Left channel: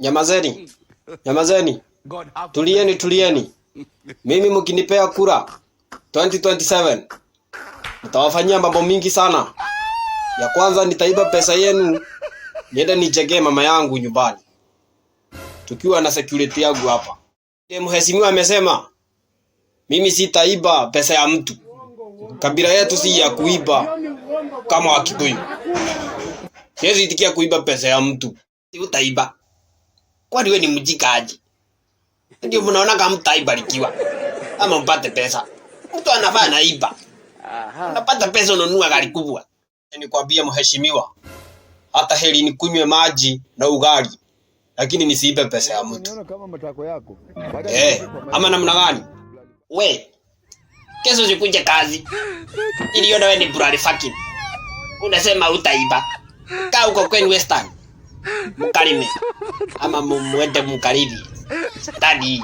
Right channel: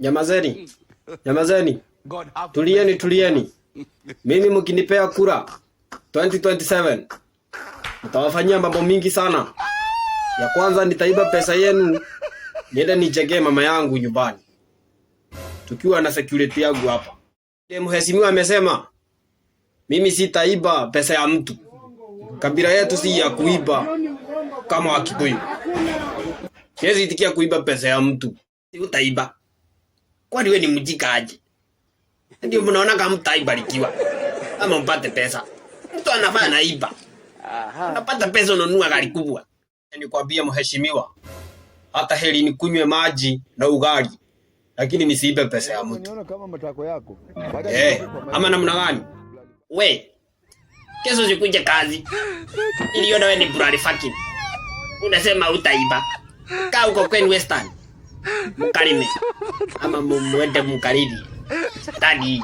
Nyamazeni. Nyamazeni. Tulieni. Mimi mkinipea kura 2027 nitawafanyia mambo mingi sana. Ya kwanza nitaiba pesa yenu niende nichekee mama yangu nyumbani. Tukiwa na security yangu hapa. Mheshimiwa amesema mimi sitaiba pesa ya mtu. Kabila yetu si ya kuiba kama Wakikuyu. Siwezi itikia kuiba pesa ya mtu. Si utaiba. Kwani wewe ni mjika aje? Ndio mnaona kama mtaibarikiwa. Ama mpate pesa. Mtu anafaa anaiba. Unapata pesa unanunua gari kubwa. Nikwambia mheshimiwa, hata heri nikunywe maji na ugali, lakini nisiibe pesa ya mtu. Unaona kama matako yako. Ama namna gani? We, kesho usikuje kazi. Ili wewe ni burari fucking. Unasema utaiba. Kaa huko kwenu Western. Mkalime. Ama mwende mkalimi. Stadi.